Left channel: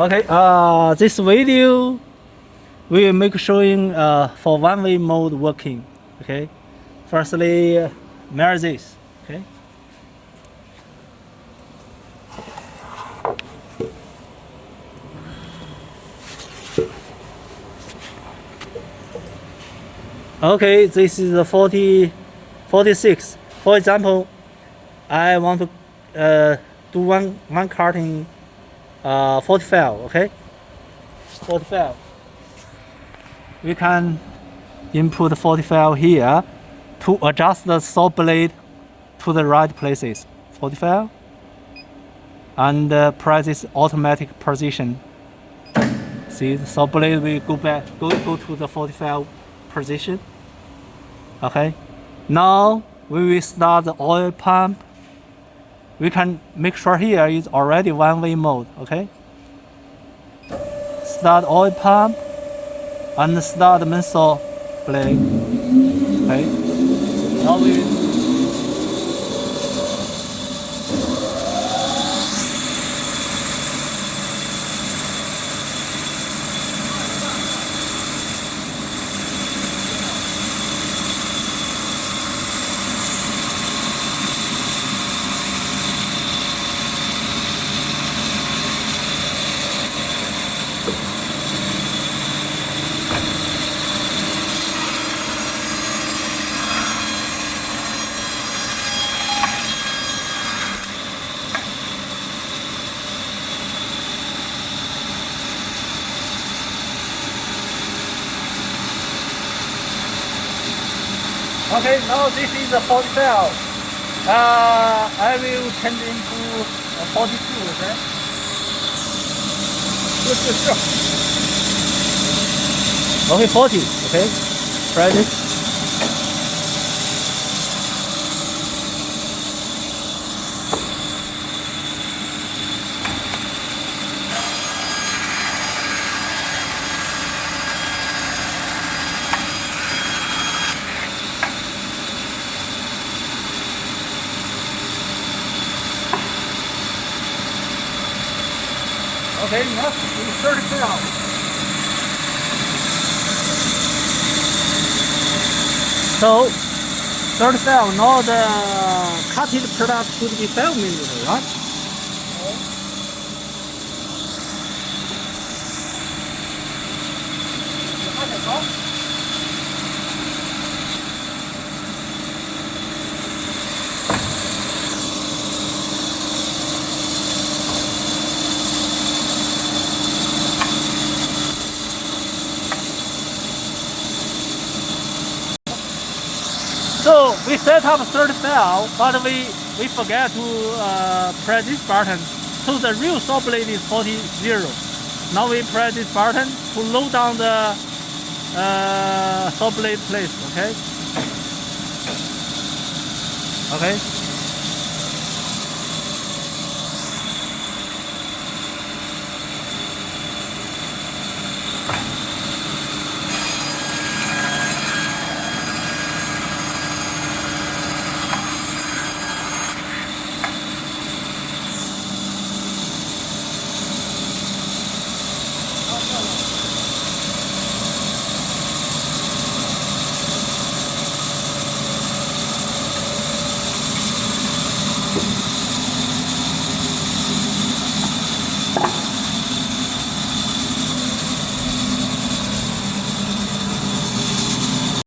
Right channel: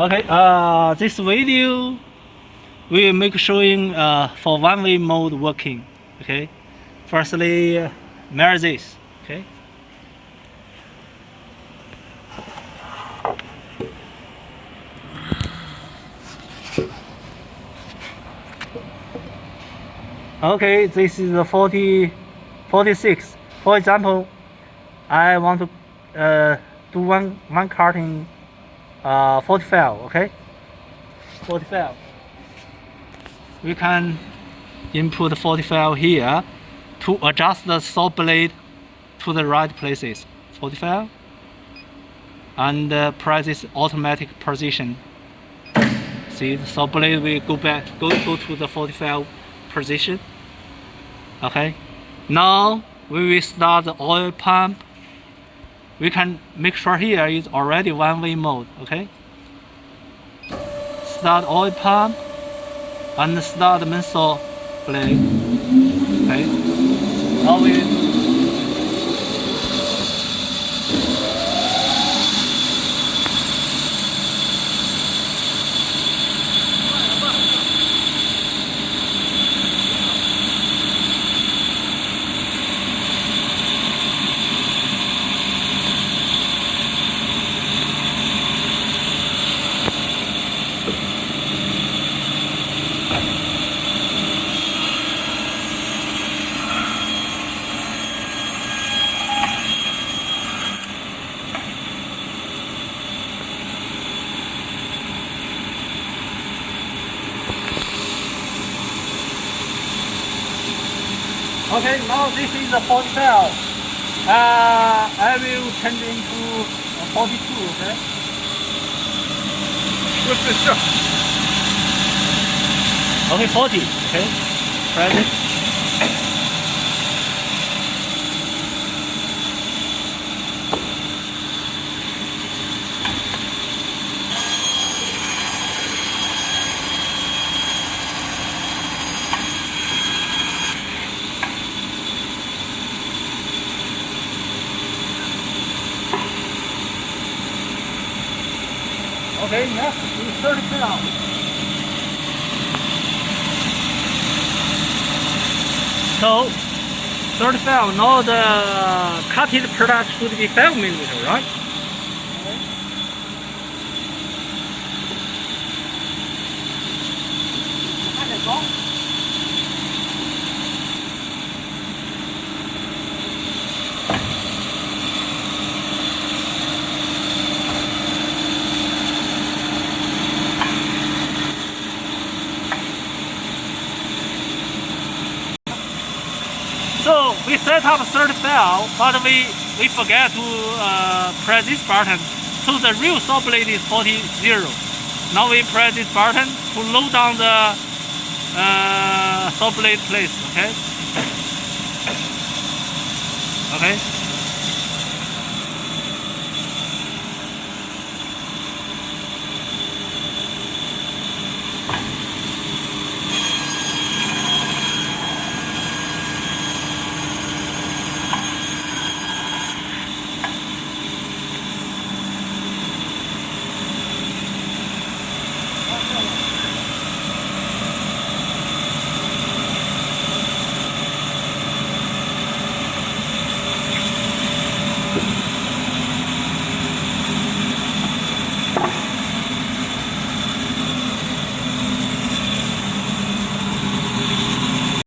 Okay, this video will make showing for one-way mode working. Okay, firstly, mirror this. Okay. Okay, this is the 46. For example, I want to do one karting 45. Okay, 45. We can input 45 here to adjust the saw blade to the right places. 45, and press this automatic position. See, the saw blade will go to the 45 position. Okay, now we will start the oil pump. We can make sure here is already one-way mode. Okay, start oil pump and start the main saw blade. Okay, now we okay, now this is the 45. I will change into 42, okay? Okay, 40, okay? Try this. Okay, next is 35. So, 35, now the cutted product should be 5 millimeter, right? So we set up 35, but we forget to press this button. So the real saw blade is 40. Now we press this button to load down the saw blade place. Okay. Okay.